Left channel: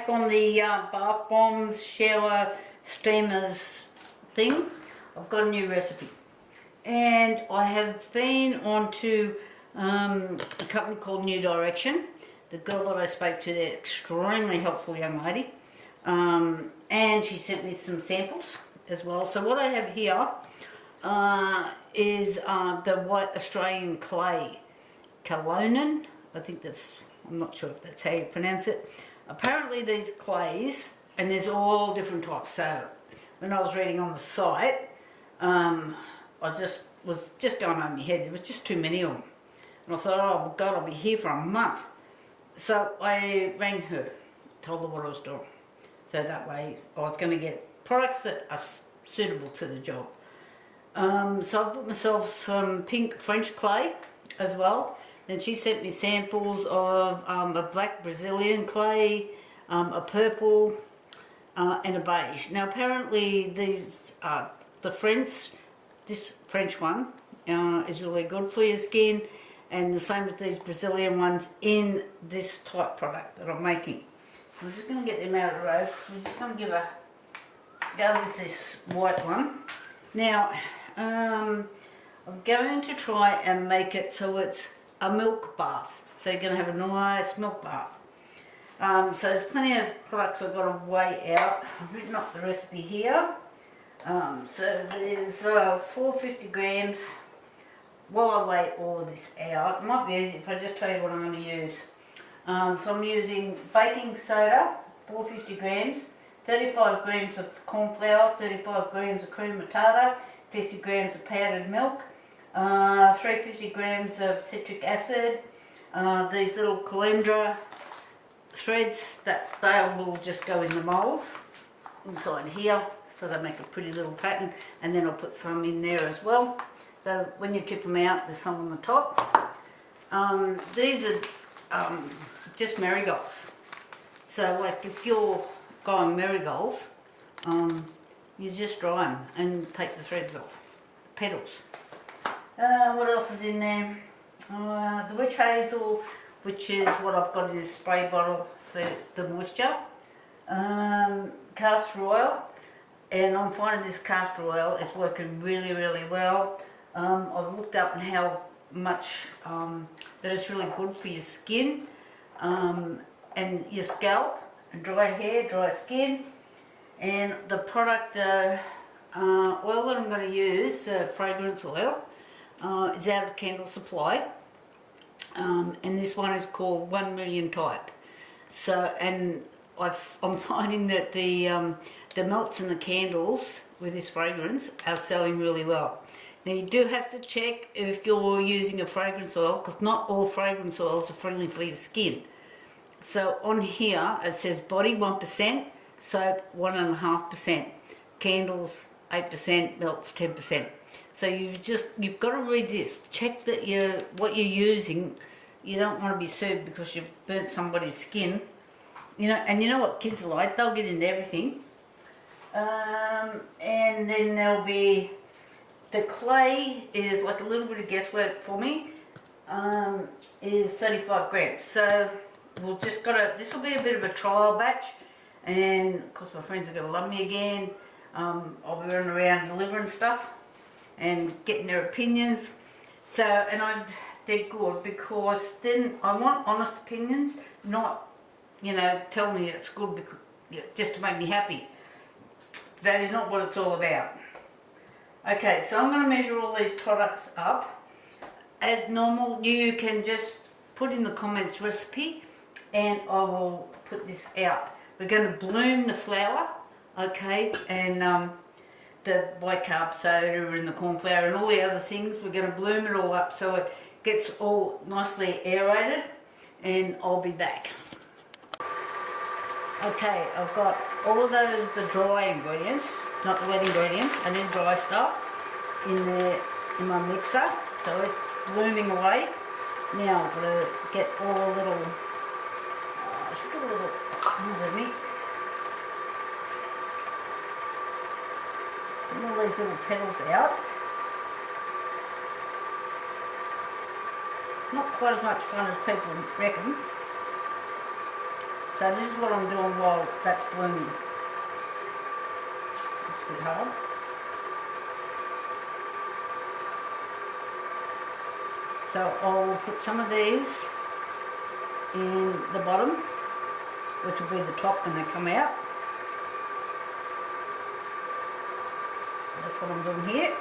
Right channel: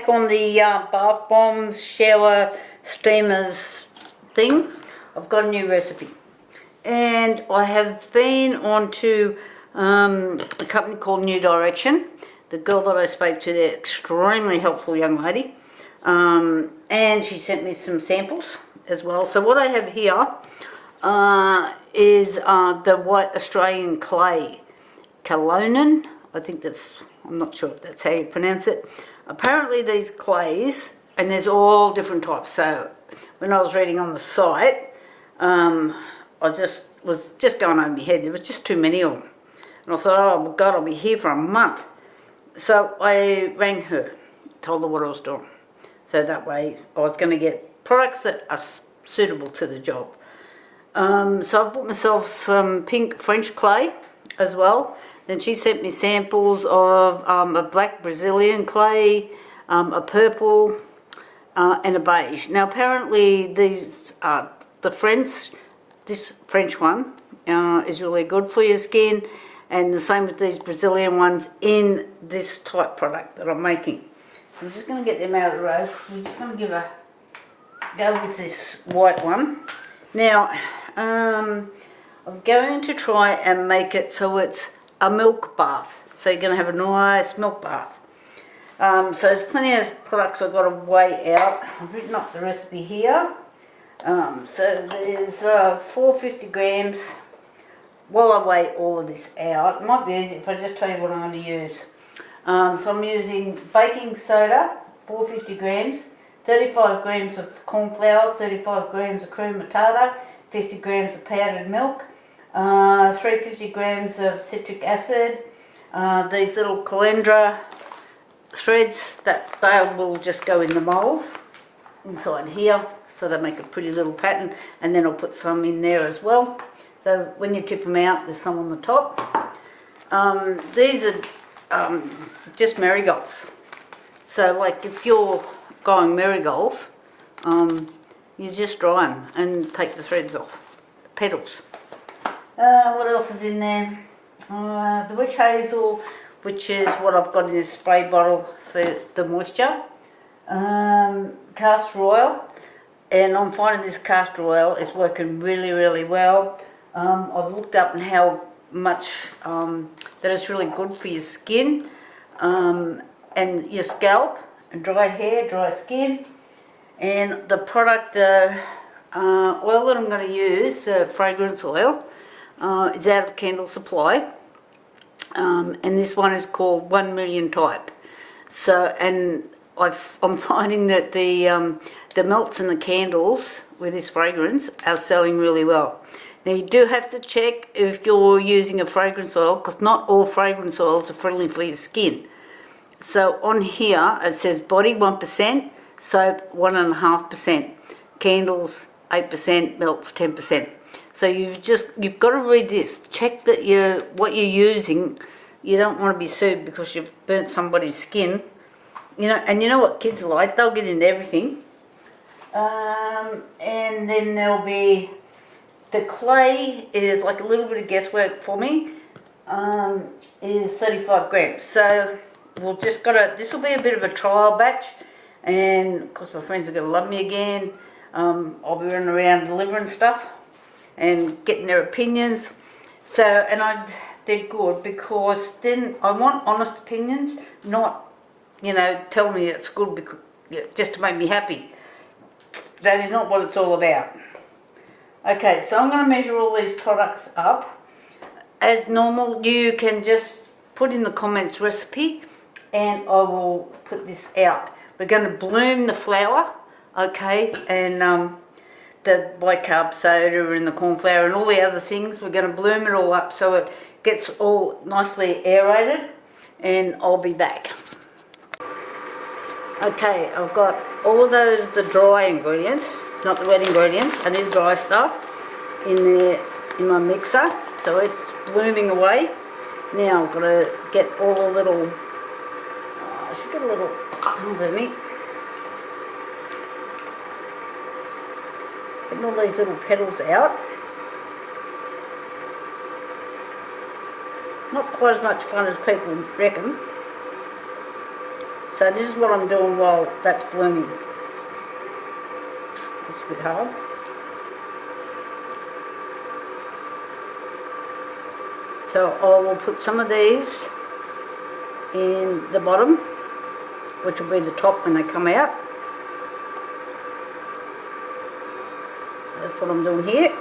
back on the bath bombs, shower steamers thing. I've got a new recipe. And I have been on to a company called New Direction. The girl that I spoke to there, extremely helpful young lady. And she sent me some samples as well. So what I have here is the white Australian clay, Kaolin. I think that's, I'm not sure if that's how you pronounce it. Apparently these clays, and there's all different types. So when I was reading on the site, I was just going over my head. There was just too many of them. And I thought, oh God, I'll be here for a month. So I rang her, told her what I was doing. So that way I was going to get products that are suitable to the job. So I bought myself some pink French clay as well. Then she sent me samples of a black Brazilian clay, a purple, and a beige. Now apparently these, this French one is really good for your skin, and the same with these Brazilian ones in this type product that I'm making. I'm just going to get them out of the road. We're just going to go with this white one. Now, I'm going to try and make it so it's a milk bath. So you're going to have a nice milk bath. So there's plenty of products I've got to weigh out. I've written up the recipe here. So there's 450 grams. While I weigh all of this out, it might be easy if I just tell you what I'm going to use. So I'm using baking soda, 450 grams, 35 grams of corn flour, 35 grams of cream of tartar, 50 grams of powdered milk, 350 grams of citric acid, these little calendra threads that they will just go in the moulds inside here, so they make a pretty little pattern, and then I'll put some in there as well. So when you tip them out, there's some on the top. These are just marigolds. So like if you're growing marigolds, you just dry them and take the threads off, the petals. What else is in there? The witch hazel, which is what I've got in a spray bottle for the moisture. Castor oil, and I'm finding this castor oil is working really, really well. I've looked up on how much that it's really good for your skin and your scalp, and dry hair, dry skin. And the product, oil that I'm going to use, fragrance oil, is out of Candle Supply, and this one is called 1 million type. So, and I'm finding that the melts in the candles with this fragrance are selling really well. Now you do have to check if you're using a fragrance oil, because not all fragrance oils are friendly for your skin. So on here it says body 1%, soap 1.5%, candles 8%, melts 10%. So you've got to read this. Check that what you're using. You don't want to be sued because you've burnt somebody's skin. You know, and you know what kids are like, they'll get into everything. And then there'll be the clay is like a little bit of guesswork for me. Is 35 grams. So we'll just this will be a bit of a trial batch, and of course my friends are going to love me again. I'll be running around delivering stuff and getting their opinions. So, and they're good because then I want honest opinions, not, you know, tell me it's good because, just to make me happy. That is not what it's all about. Okay, so I'm going to measure all these products up. As normal, you can just put in the comments recipe and I will put this out. We're going to bloom the flour, okay, and the bicarb soda and the corn flour and all the other things. We're going to bloom it all up so it gets all nicely aerated, and I'll be back. Okay, I've got all of those, the dry ingredients, not the wet ingredients. I need dry stuff in there in my mixer, so it's blooming away. Now I've got to get all the little, I should get a little, under me. Getting all these little petals out. Not quite as much fun as people reckon. So this is what I'm doing while that's blooming. It's a bit hard. So I will put some of these in the bottom, which will be the top when they come out. That's what I'm doing here.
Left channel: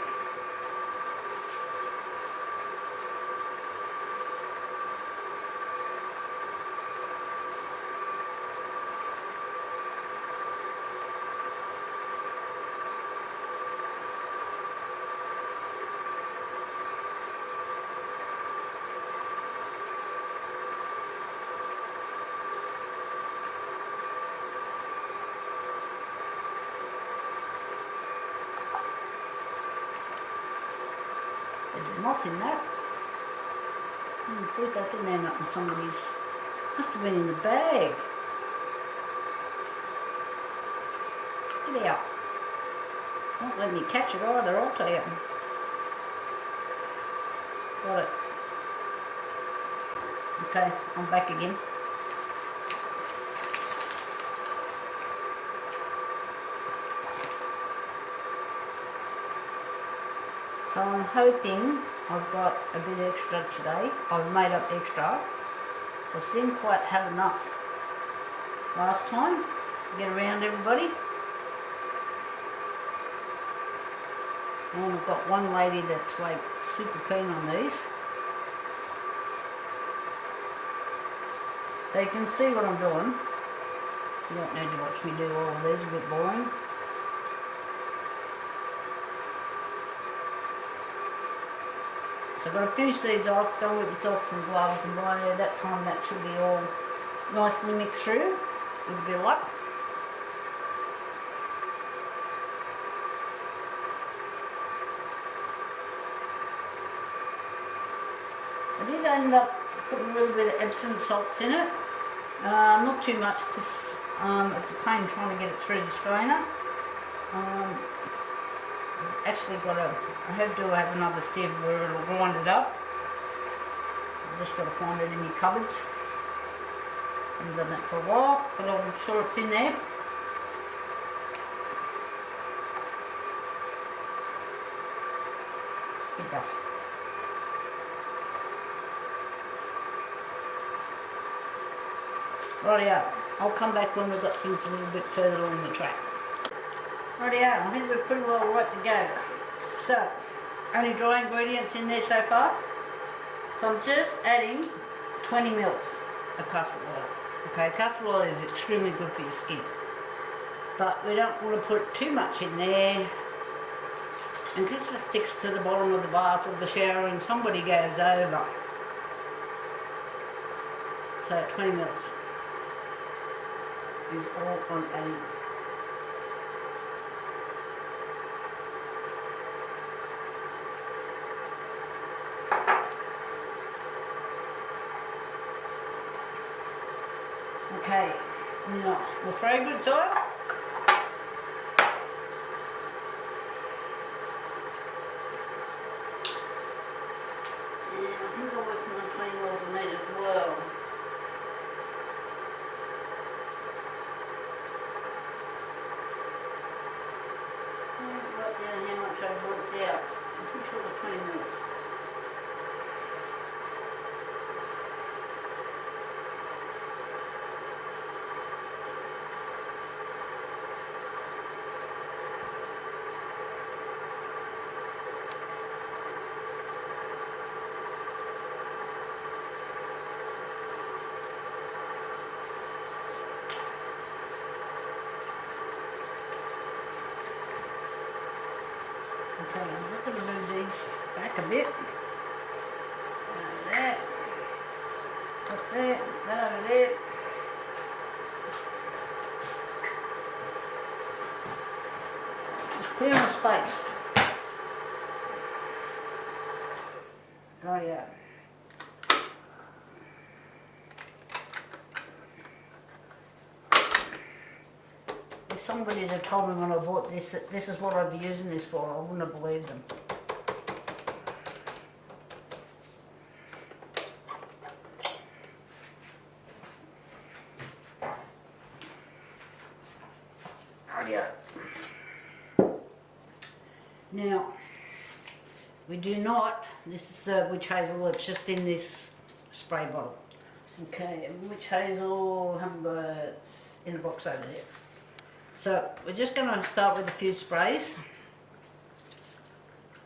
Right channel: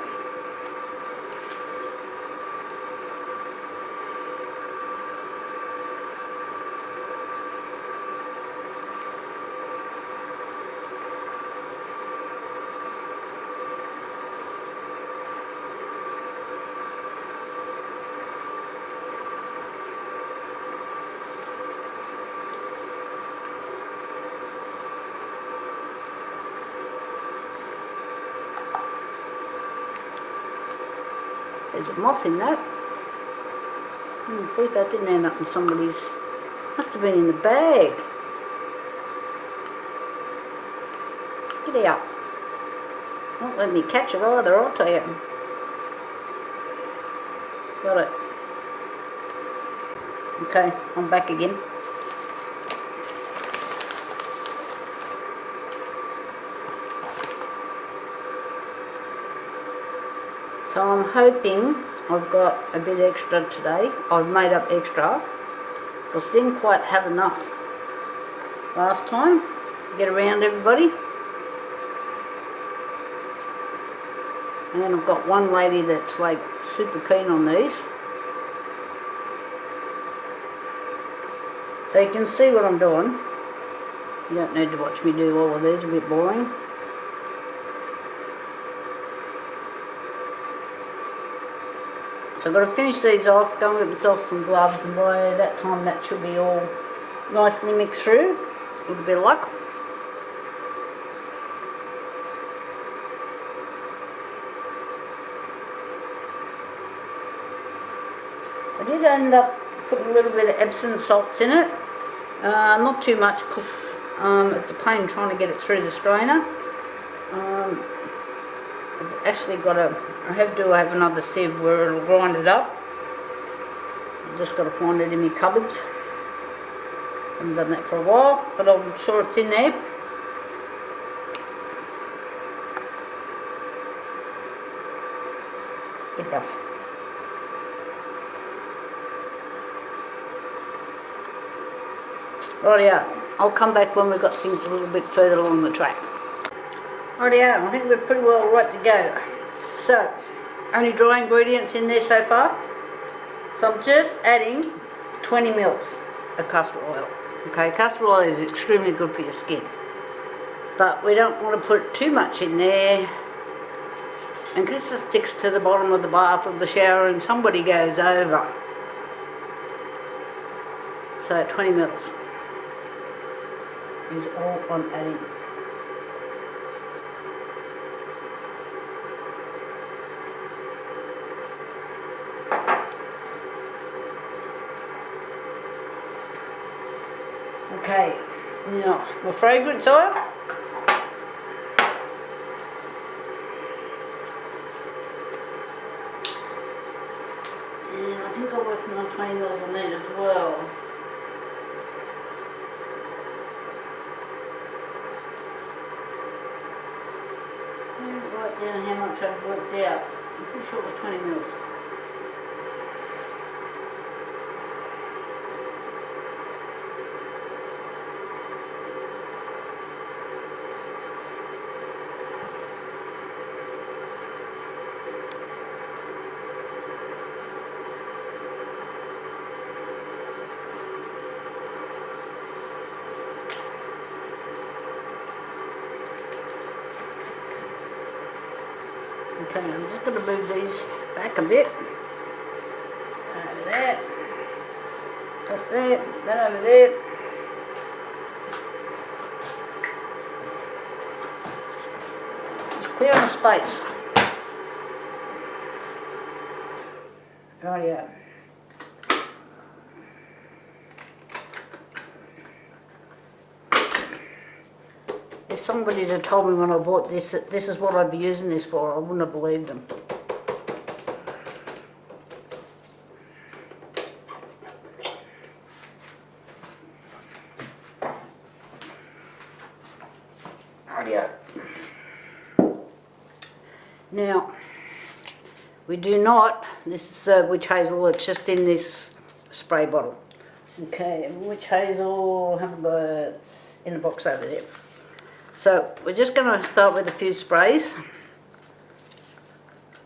There's a moth in that. Please that didn't end up in somebody's. Must have been in the bag. Get out. Won't let me catch it either, I'll tell you. Got it. Okay, I'm back again. So I'm hoping I've got a bit extra today. I've made up extra because I didn't quite have enough last time to get around everybody. And then I've got one lady that's like super keen on these. So you can see what I'm doing. You don't need to watch me do all of these, a bit boring. So I've got to finish these off, go and get myself some gloves, and by that time that should be all nicely mixed through with a bit of luck. I did end up putting a little bit of Epsom salts in it, not too much because it's a pain trying to get it through the strainer. I've actually got I have another sieve where it'll grind it up. I've just got to find it in my cupboards. I haven't done that for a while, but I'm sure it's in there. It does. Rightio, I'll come back when we've got things a little bit further along the track. Rightio, I think we're pretty well right to go. So, only dry ingredients in there so far. So I'm just adding 20 mils of castor oil. Okay, castor oil is extremely good for your skin. But we don't want to put too much in there in case it sticks to the bottom of the bath or the shower and somebody goes over. So 20 mils is all I'm adding. Okay, now the fragrance oil. And I think I'm working on 20 mils on that as well. I didn't write down how much I've worked out. I'm pretty sure it was 20 mils. Okay, I'm just going to move these back a bit. Over there. Up there. Then over there. Just clearing the space. Rightio. If somebody had told me when I bought this that this is what I'd be using this for, I wouldn't have believed them. Now, we do not, this is witch hazel, it's just in this spray bottle. Okay, and witch hazel, I haven't got it, it's in the box over there. So, we're just going to start with a few sprays.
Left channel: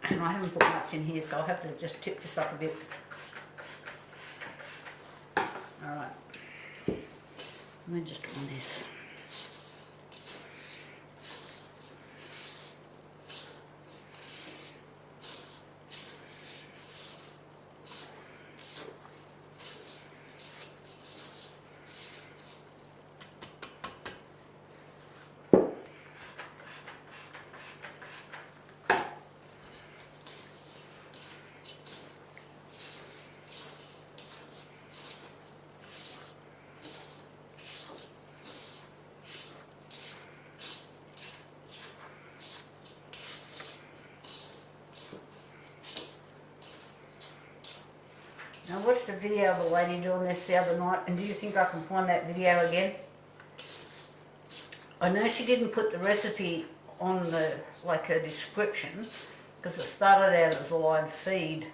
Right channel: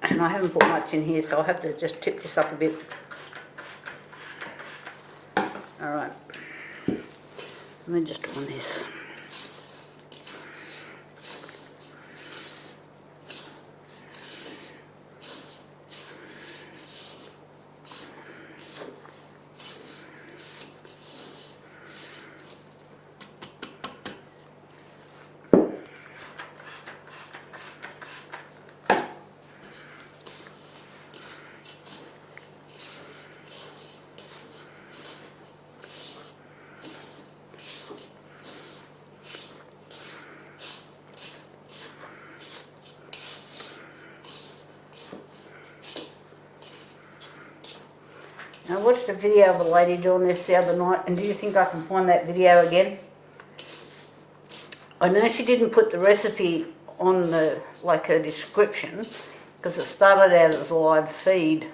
And I haven't put much in here, so I'll have to just tip this up a bit. Alright, let me just on this. I watched a video of a lady doing this the other night, and do you think I can find that video again? I know she didn't put the recipe on the, like her description, because it started out as a live feed,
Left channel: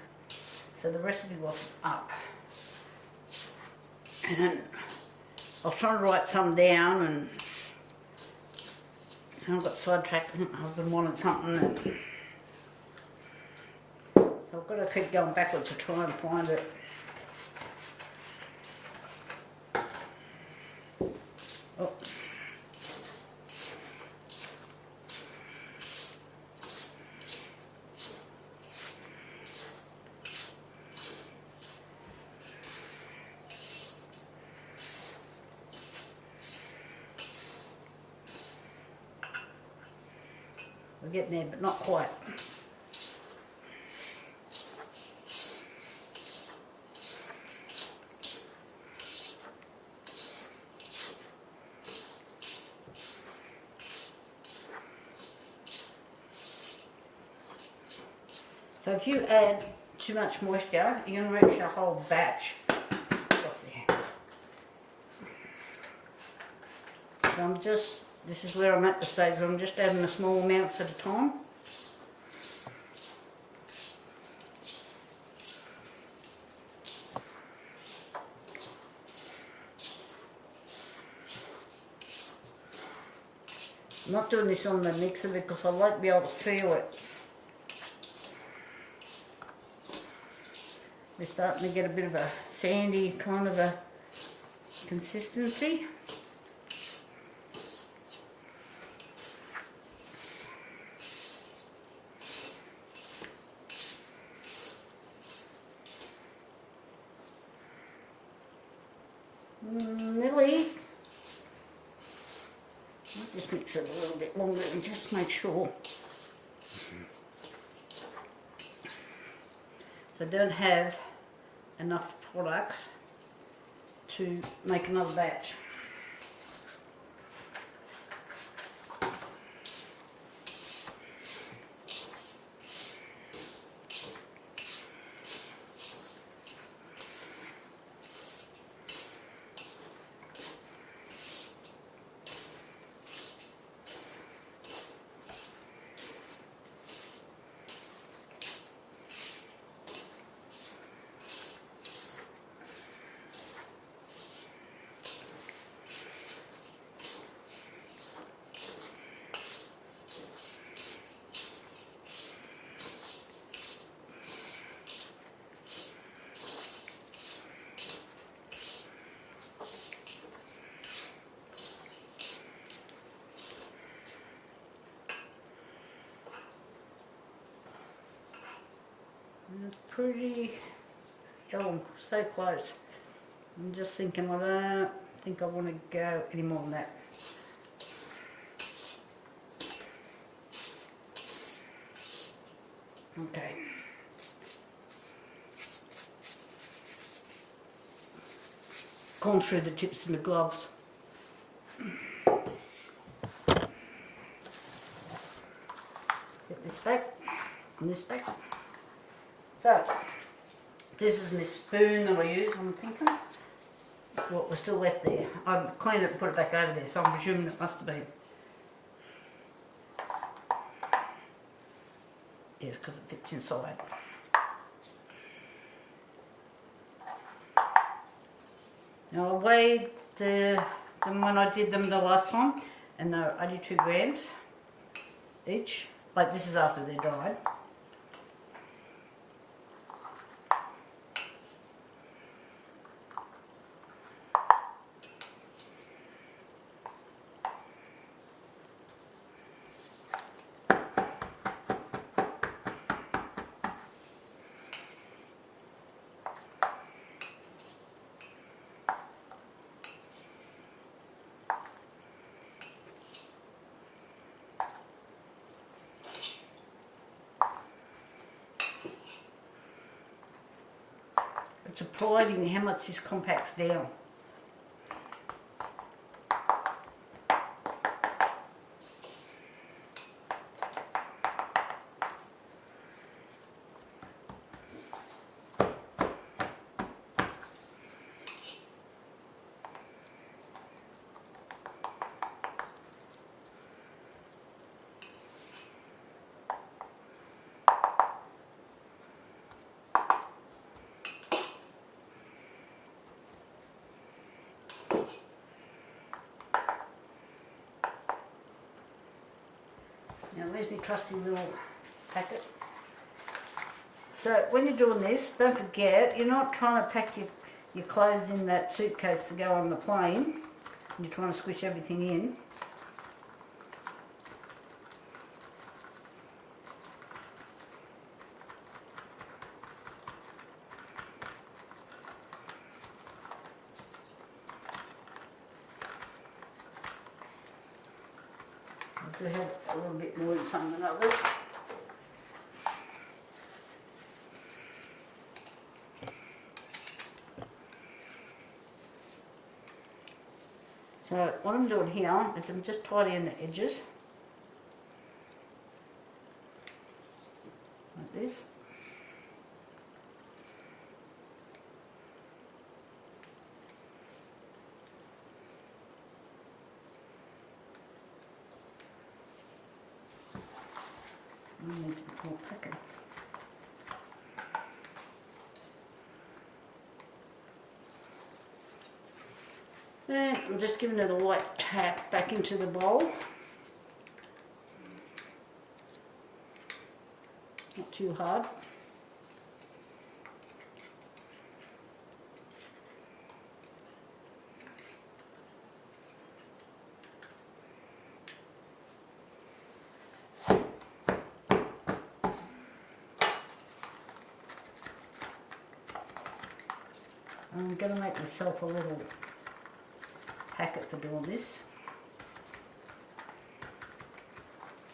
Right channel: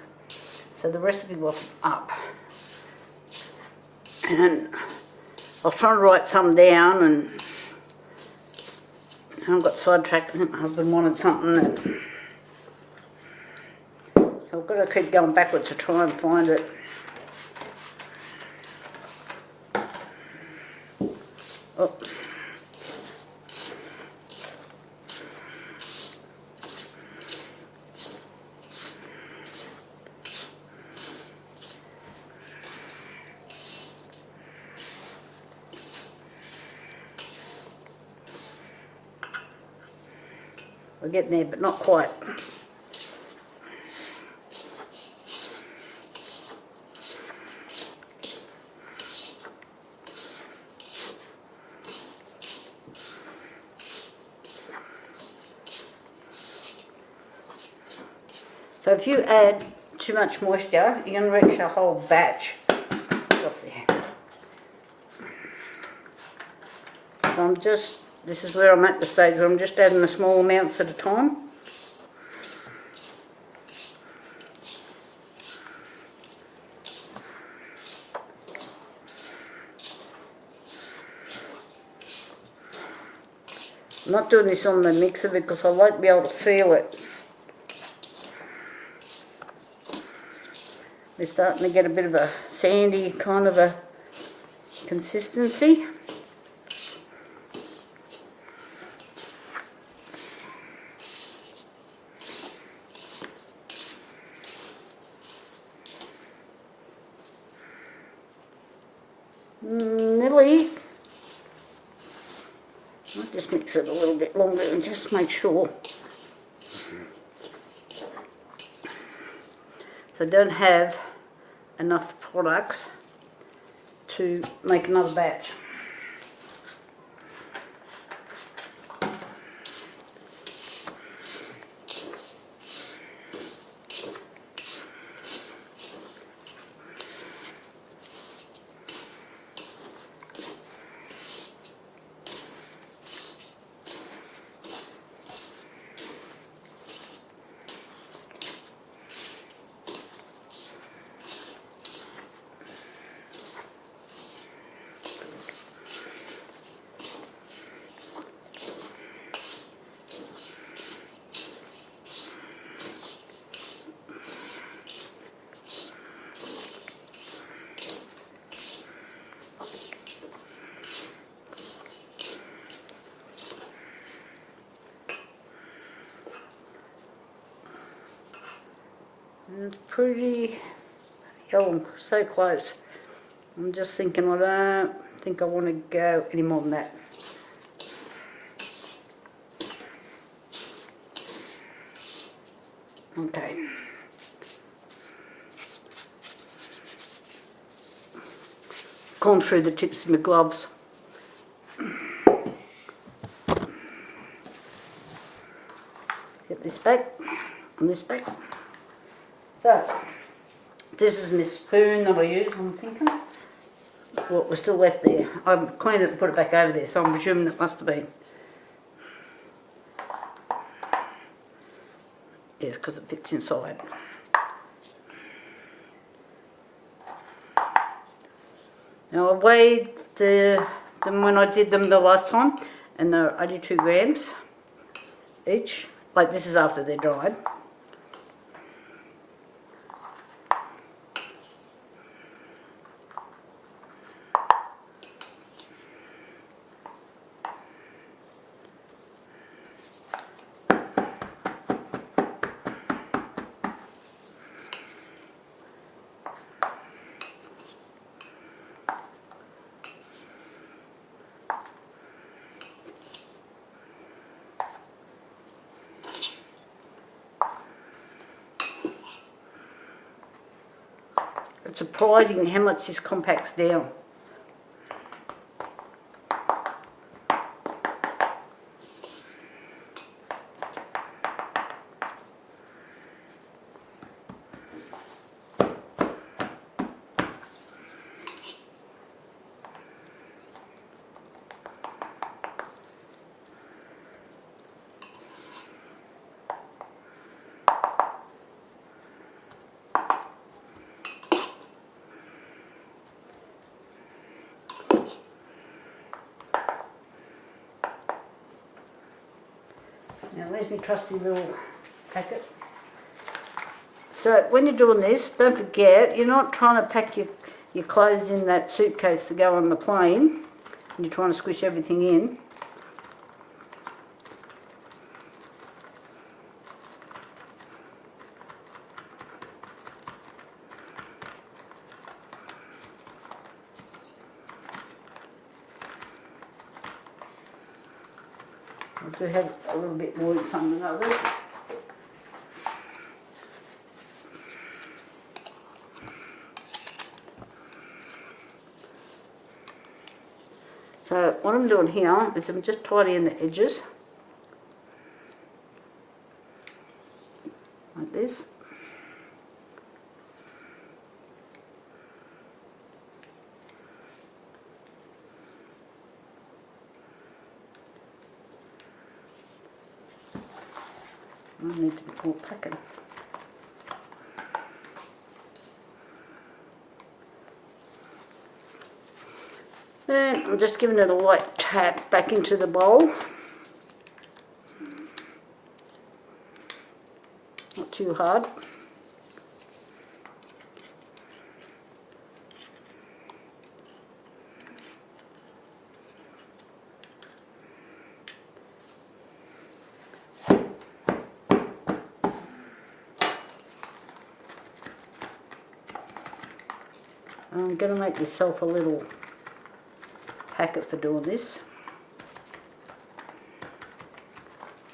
so the recipe wasn't up. And I was trying to write some down, and I got sidetracked. I think my husband wanted something that, so I've got to keep going backwards to try and find it. Oh. We're getting there, but not quite. So if you add too much moisture, you're going to reach a whole batch off there. So I'm just, this is where I'm at the stage where I'm just adding the small amounts at a time. I'm not doing this on the mixer because I won't be able to feel it. We're starting to get a bit of a sandy kind of a consistency. Nearly. I'll just mix it a little bit longer and just make sure. So I don't have enough products to make another batch. It's pretty, oh, I'm so close. I'm just thinking I don't think I want to go any more than that. Okay. Gone through the tips of my gloves. Get this back and this back. So, this is my spoon that I use, I'm thinking. What was still left there. I've cleaned it and put it back over there, so I'm presuming it must have been. Yes, because it fits inside. Now I weighed them when I did them the last time, and they're 82 grams each. Like, this is after they're dried. It's surprising how much this compacts down. Now there's my trusty little packet. So when you're doing this, don't forget, you're not trying to pack your clothes in that suitcase to go on the plane. You're trying to squish everything in. I do have a little bit more in some than others. So what I'm doing here is I'm just tidying the edges, like this. I need to be more packing. Then I'm just giving it a light tap back into the bowl. Not too hard. I'm going to make myself a little packet for doing this.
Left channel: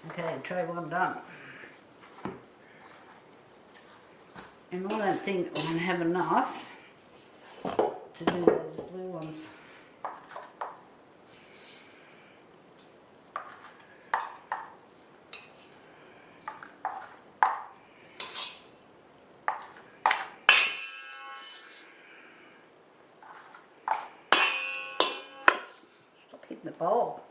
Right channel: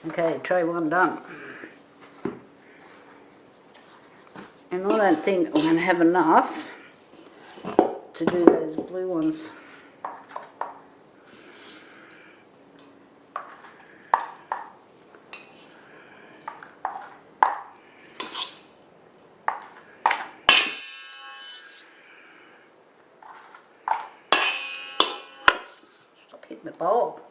Okay, tray one done. And I don't think I'm going to have enough to do those blue ones. Hitting the bowl.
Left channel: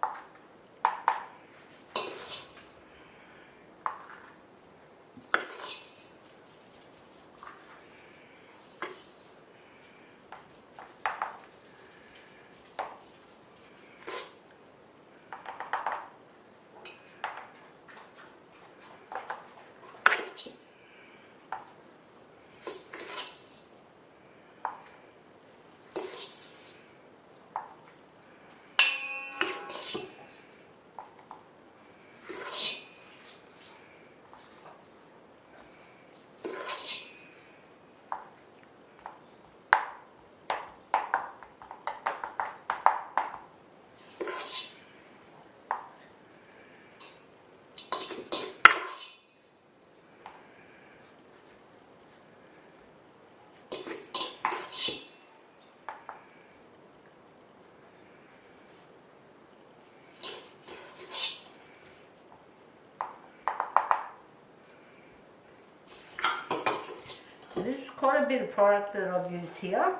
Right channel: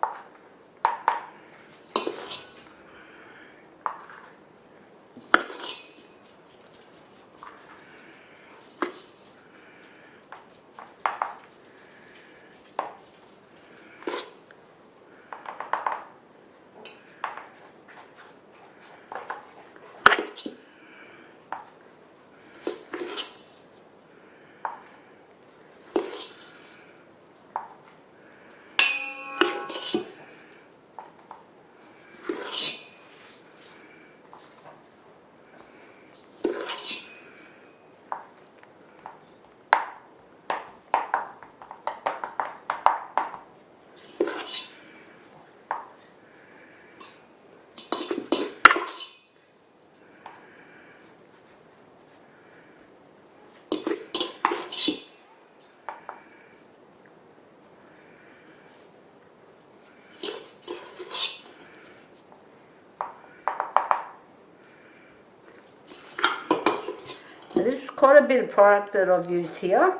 So this is quite a bit of product that I've used here.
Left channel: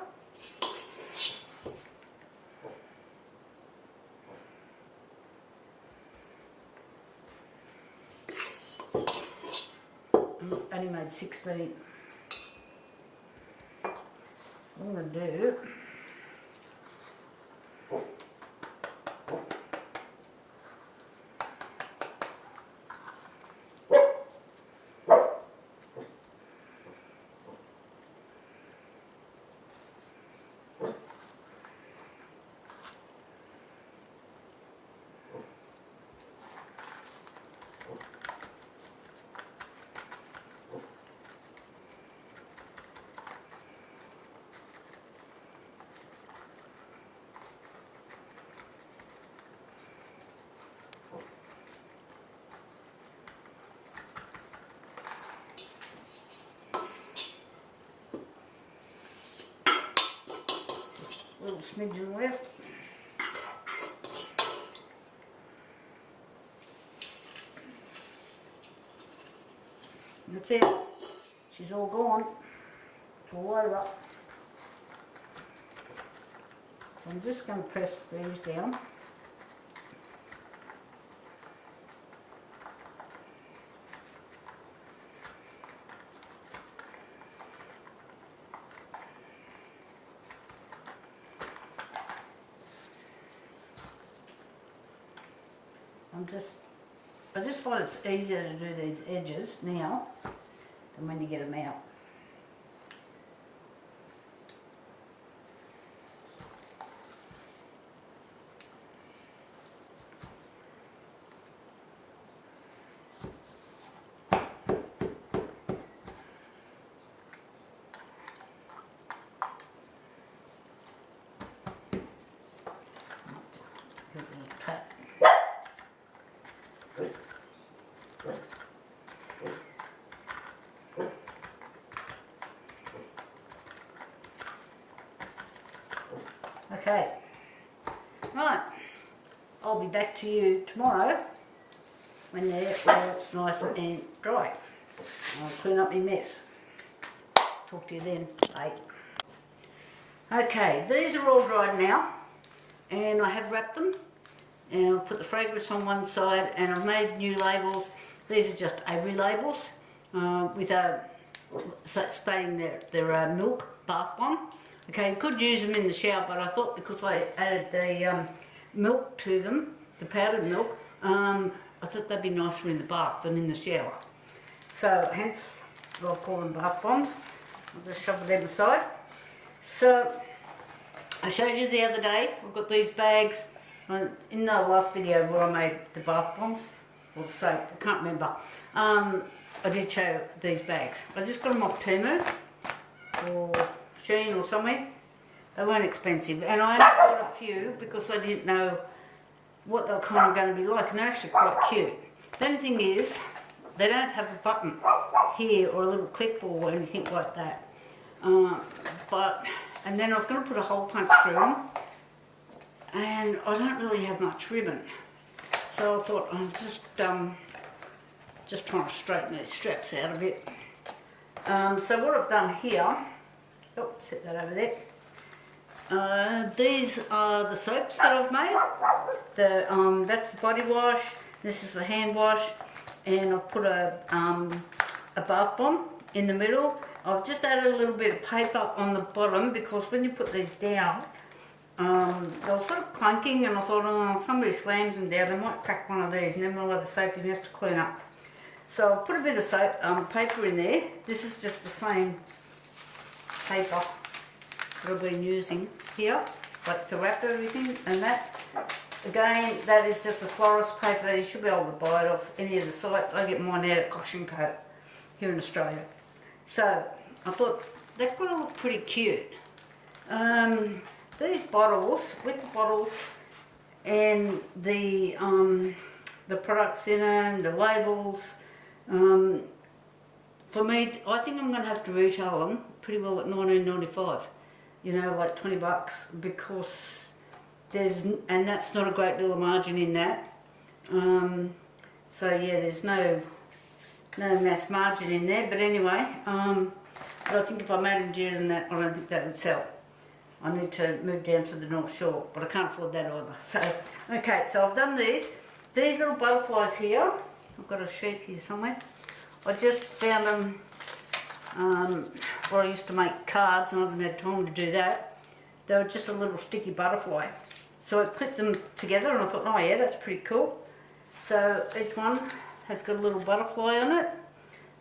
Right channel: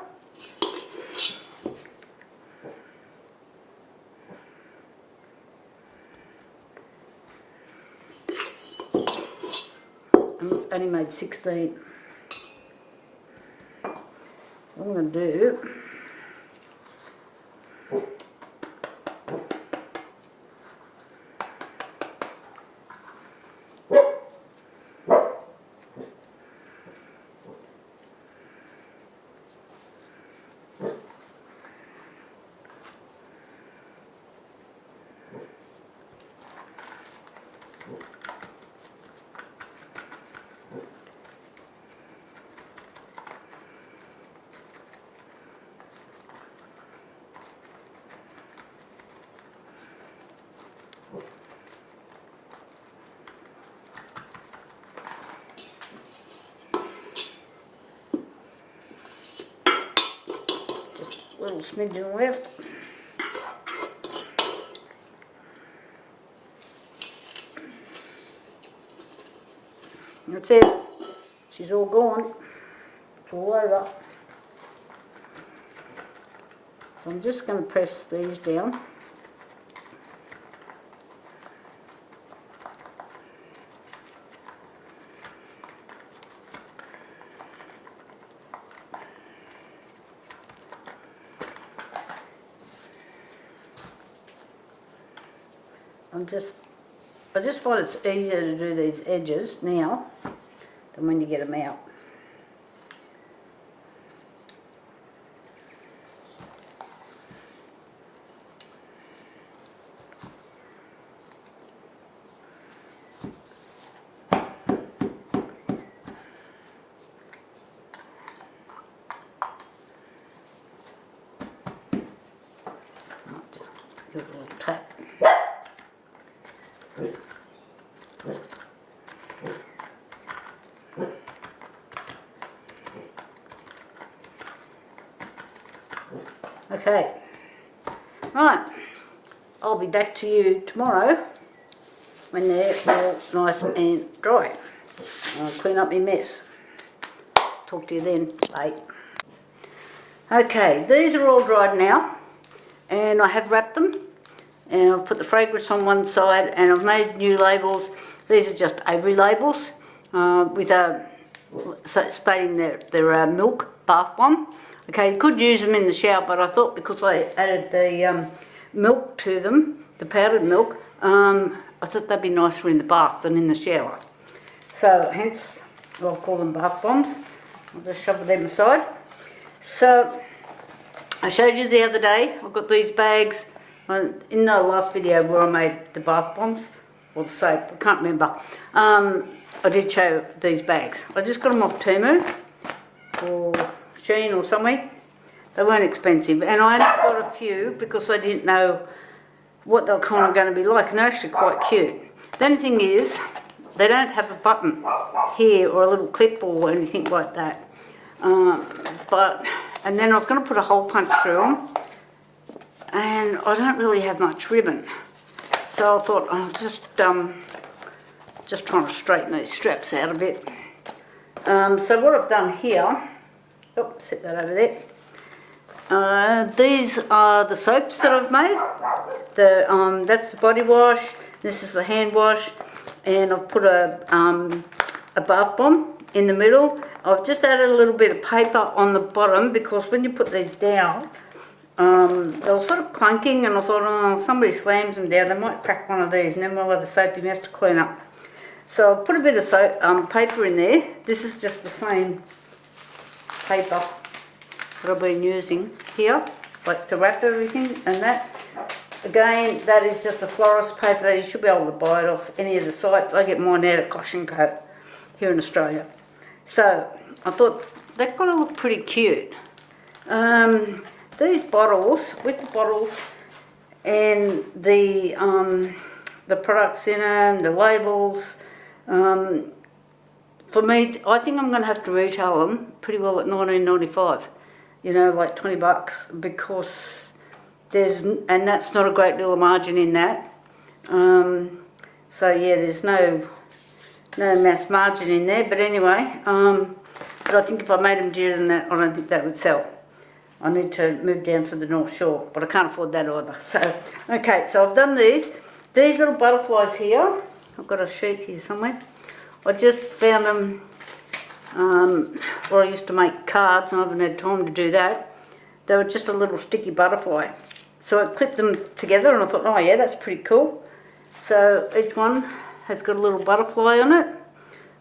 and it's only made 16. What I'm going to do, little smidgen left. That's it. She's all gone. It's all over. So I'm just going to press these down. I just find it's easier to do these edges now than when you get them out. Just give it a little tap. Okay, right, I'll be back to you tomorrow when they're all nice and dry. I'll clean up my mess. Talk to you then. Bye. Okay, these are all dried now, and I have wrapped them, and I've put the fragrance on one side, and I've made new labels. These are just Avery labels with stating their milk bath bomb. Okay, you could use them in the shower, but I thought because I added the milk to them, the powdered milk, I thought they'd be nicer in the bath than in the shower. So hence, I'll call them bath bombs. I'll just shove them aside. So I showed you the other day, I've got these bags in the last video where I made the bath bombs, or the soap, I can't remember. I did show these bags. I just got them off Temu or Shein or somewhere. They weren't expensive, and I only got a few because I didn't know what they're kind of going to be like, and they're actually quite cute. The only thing is, they don't have a button here or a little clip or anything like that. And then I was going to put a hole punch through them, and I don't really have much ribbon, so I thought I'll just trying to straighten these straps out a bit. So what I've done here, oh, set that over there. These are the soaps that I've made. That's the body wash. This is the hand wash, and I've put a bath bomb in the middle. I've just added a little bit of paper on the bottom because when you put these down, they were sort of clunking, and I thought, oh, somebody slams them down, they might crack one of these, and then we'll have a soapy mess to clean up. So I'll put a bit of soap, paper in there. This is just the same paper that I've been using here, like to wrap everything, and that, again, that is just a florist paper. You should be able to buy it off any of the sites. I get mine out at Caution Co here in Australia. So I thought that kind of looked pretty cute. These bottles, with the bottles and the products in them, the labels, for me, I think I'm going to have to retail them pretty well at $19.95, you know, like $20, because and that's not a great deal of margin in that. So yeah, there's no mass margin in there, but anyway, but I think if I made them dearer than that, I don't think that would sell. I need to move down to the North Shore, but I can't afford that either. So, okay, so I've done these little butterflies here. I've got a sheet here somewhere. I just found them where I used to make cards, and I haven't had time to do that. They were just a little sticky butterfly. So I clipped them together and I thought, oh yeah, that's pretty cool. So each one has got a little butterfly on it.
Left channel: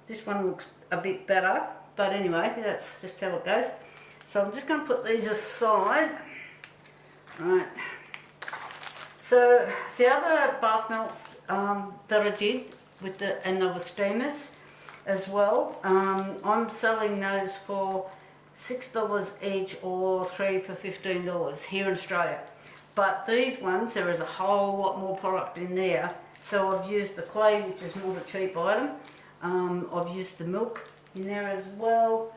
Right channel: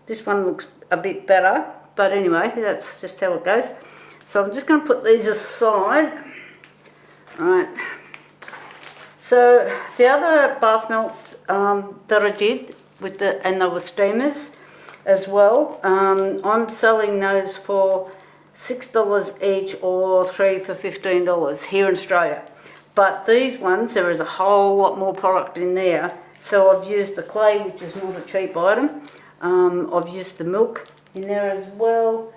This one looks a bit better, but anyway, that's just how it goes. So I'm just going to put these aside. Right. So the other bath melts that I did with and they were steamers as well. I'm selling those for $6 each or 3 for $15 here in Australia. But these ones, there is a whole lot more product in there. So I've used the clay, which is not a cheap item. I've used the milk in there as well.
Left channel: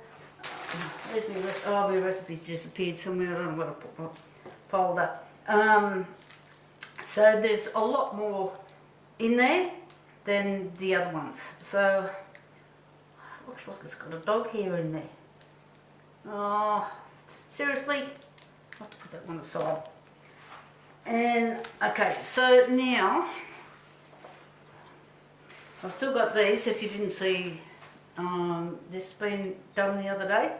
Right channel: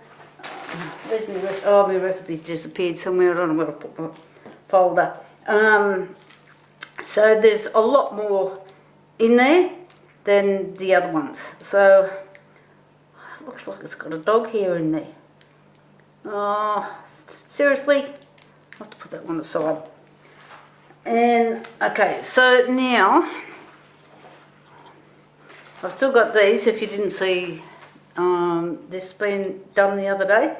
Where's my my recipe's disappeared somewhere. I don't know where I put my folder. So there's a lot more in there than the other ones. So it looks like it's got a dog hair in there. Oh, seriously? I'll have to put that one aside. And okay, so now I've still got these. If you didn't see this been done the other day,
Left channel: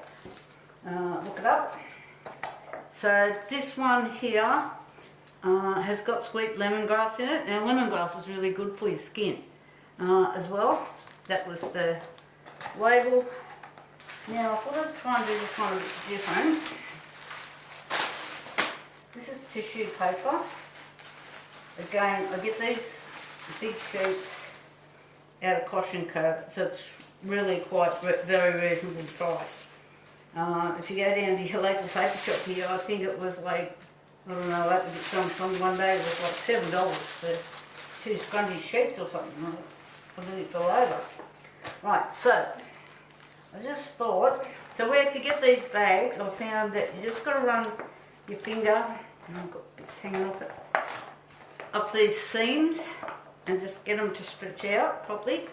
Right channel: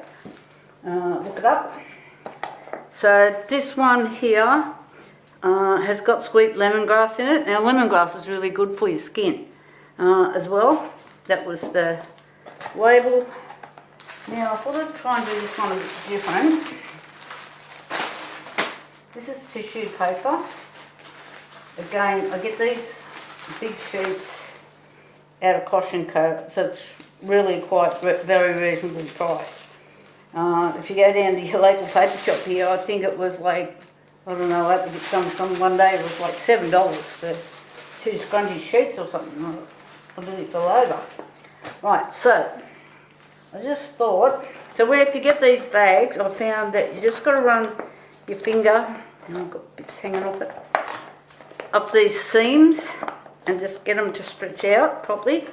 look it up. So this one here has got sweet lemongrass in it. Now lemongrass is really good for your skin as well. That was the label. Now I thought I'd try and do this one a bit different. This is tissue paper. Again, I get these big sheets out of Caution Co, so it's really quite very reasonably priced. If you go down to your local paper shop here, I think it was like, I don't know, I had to get some one day, it was like $7 for 2 scrungy sheets or something. I nearly fell over. Right, so I just thought, so where if you get these bags, I found that you just got to run your finger, and I've got bits hanging off it, up these seams and just get them to stretch out properly,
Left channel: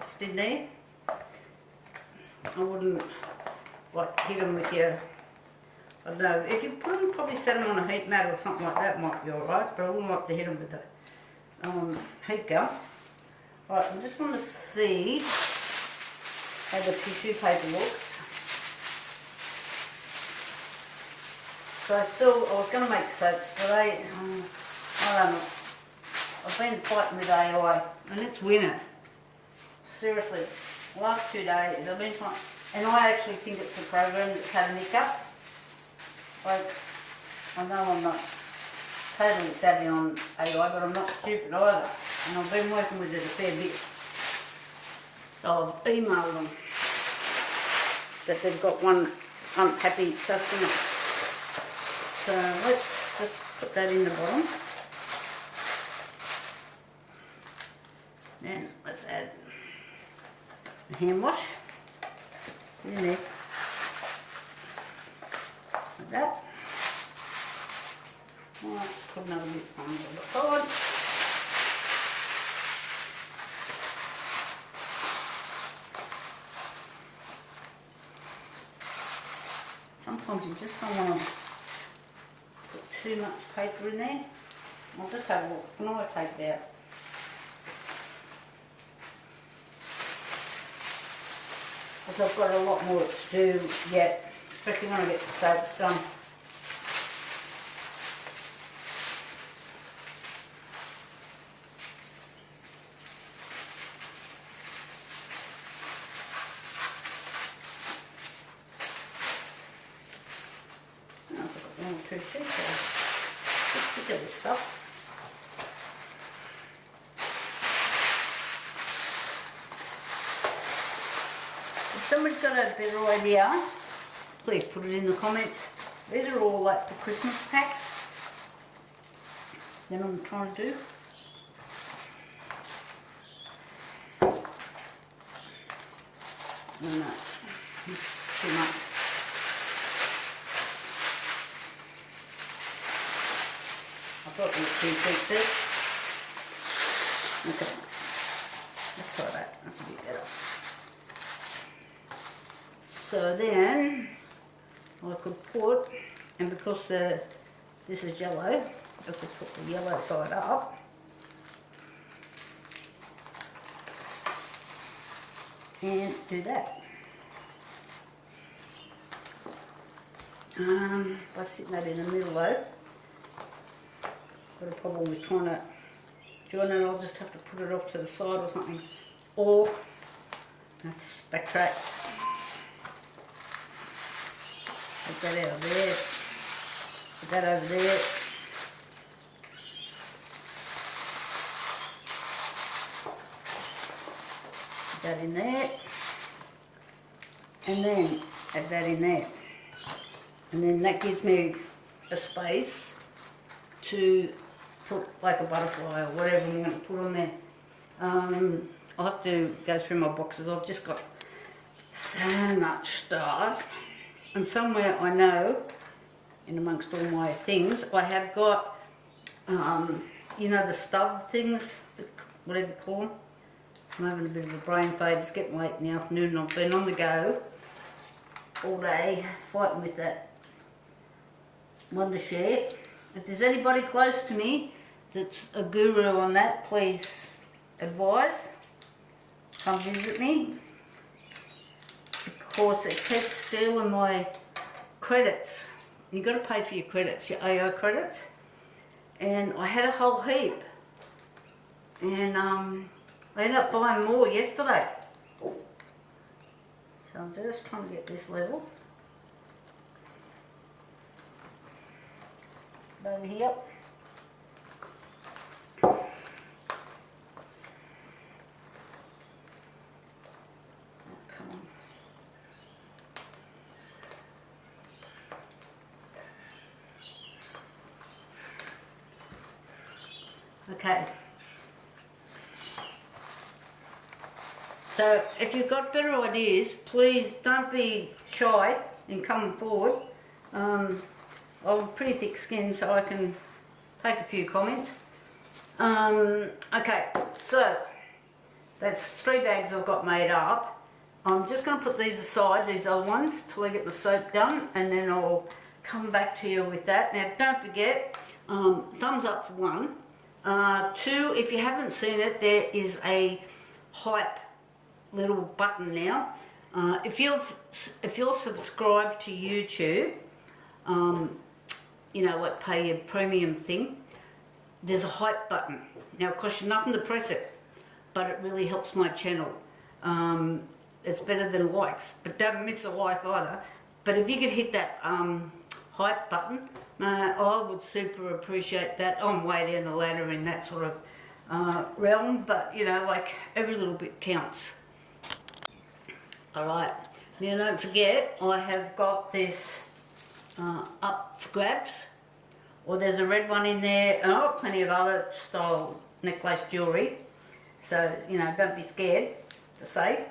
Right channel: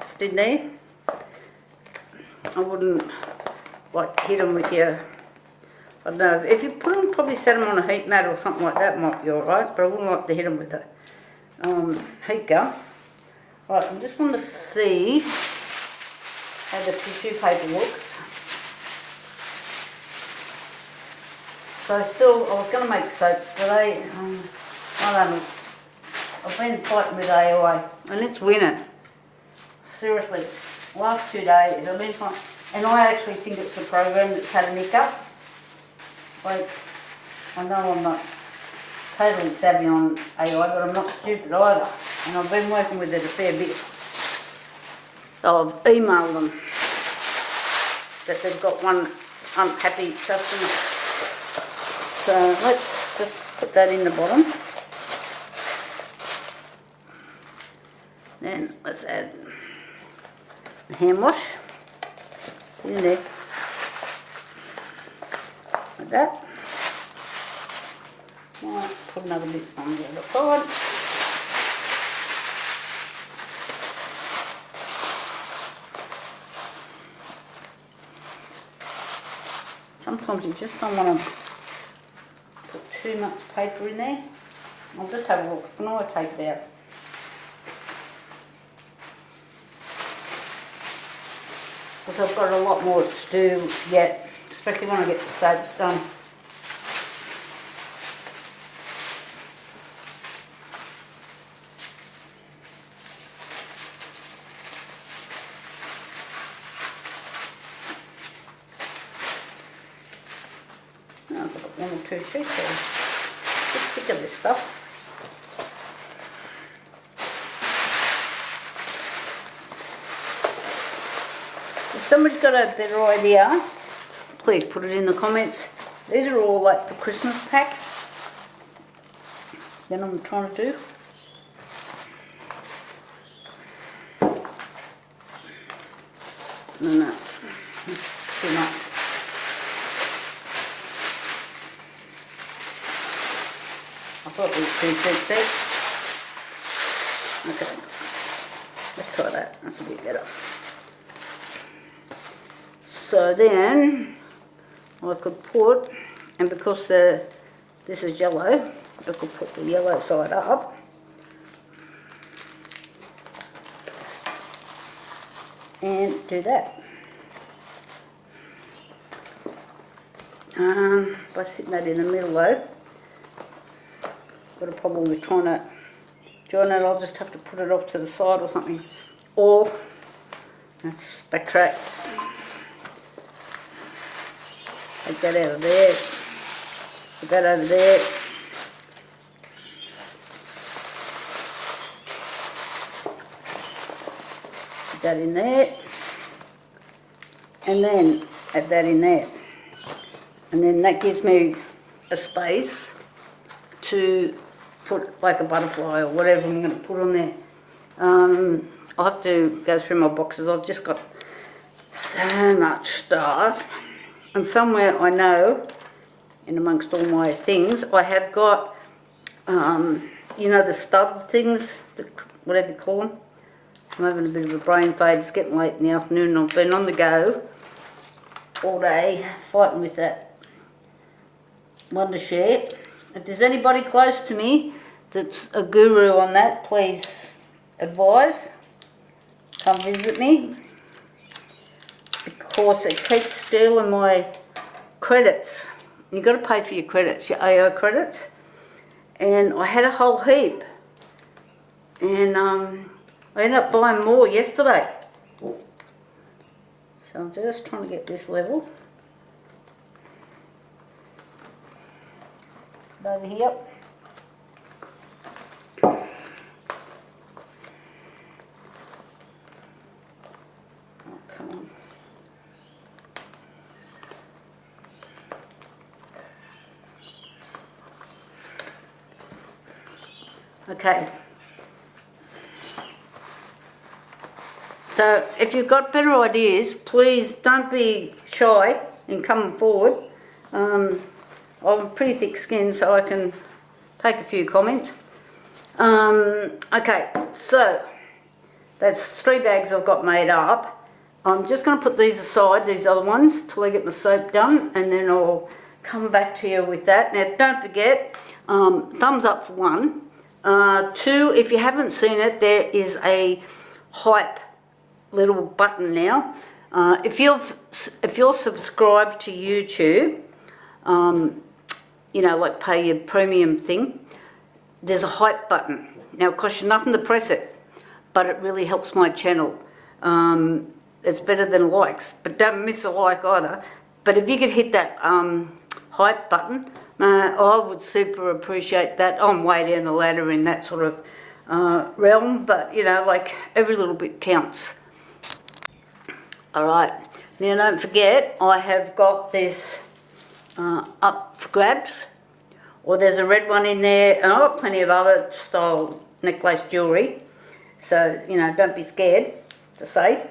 just in there. I wouldn't like hit them with your, I don't know, if you put them, probably set them on a heat mat or something like that might be alright, but I wouldn't like to hit them with a heat gun. Right, I just want to see how the tissue paper looks. So I was going to make soaps today. I don't know. I've been fighting with AI and it's winning. Seriously, last 2 days I've been fighting, and I actually think it's the program that's had a hiccup. Like, I know I'm not totally savvy on AI, but I'm not stupid either. And I've been working with it a fair bit. So I've emailed them that they've got one unhappy customer. So let's just put that in the bottom. Then let's add a hand wash in there, like that. Right, put another bit on the other side. Sometimes you just don't want to put too much paper in there. I'll just have a look when I take it out. Because I've got a lot more to do yet, especially when I get the soaps done. Now I've got 1 or 2 sheets there. Just sick of this stuff. If somebody's got a better idea, please put it in the comments. These are all like the Christmas packs that I'm trying to do. No, it's too much. I thought these 2 sheets there. Okay, let's try that. That's a bit better. So then I could put, and because this is yellow, I could put the yellow side up. and do that. By sitting that in the middle though, got a problem with trying to join it. I'll just have to put it off to the side or something. Or, let's backtrack. Take that out of there. Put that over there. Put that in there. And then add that in there. And then that gives me a space to put like a butterfly or whatever I'm going to put on there. I'll have to go through my boxes. I've just got so much stuff. And somewhere I know, in amongst all my things, I have got, you know, the stud things, whatever you call them. I'm having a bit of a brain fade. It's getting late in the afternoon and I've been on the go all day fighting with that Wonder Share. If there's anybody close to me that's a guru on that, please advise. Come visit me, because it keeps stealing my credits. You've got to pay for your credits, your AO credits. And I had a whole heap. And I ended up buying more yesterday. So I'm just trying to get this level. Over here. Oh, come on. Okay. So if you've got better ideas, please don't be shy in coming forward. I'm pretty thick skinned, so I can take a few comments. Okay, so that's 3 bags I've got made up. I'm just going to put these aside, these other ones, till I get my soap done, and then I'll come back to you with that. Now, don't forget, thumbs up for 1. 2, if you haven't seen it, there is a hype little button now. If you're subscribed to YouTube, you know, like pay your premium thing, there's a hype button. Now it costs you nothing to press it, but it really helps my channel. It's better than likes, but don't miss a like either. But if you could hit that hype button, I would super appreciate that. I'm way down the ladder in that sort of realm, but you know, like every little bit counts. Alright, now don't forget, I have got this up for grabs, or there's a red one in there, and I've got plenty of other style necklace jewellery, so you know, don't be scared to say.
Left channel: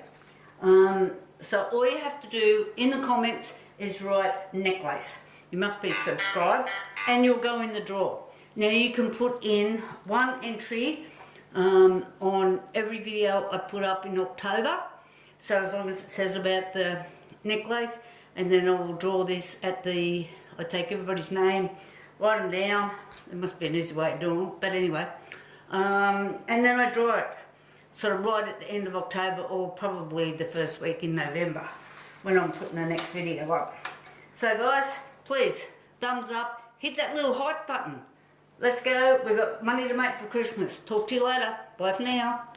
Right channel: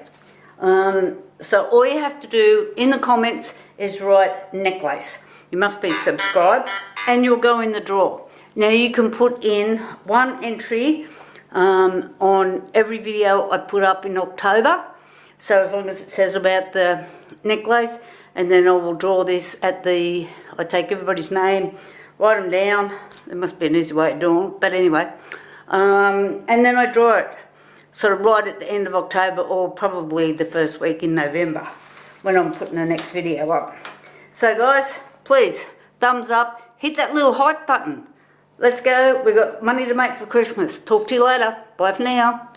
So all you have to do in the comments is write necklace. You must be subscribed and you'll go in the draw. Now you can put in 1 entry on every video I put up in October, so as long as it says about the necklace, and then I will draw this at the, I take everybody's name, write them down. There must be an easy way of doing it, but anyway. And then I draw it sort of right at the end of October, or probably the first week in November when I'm putting the next video up. So guys, please, thumbs up, hit that little hype button. Let's go, we've got money to make for Christmas. Talk to you later. Bye for now.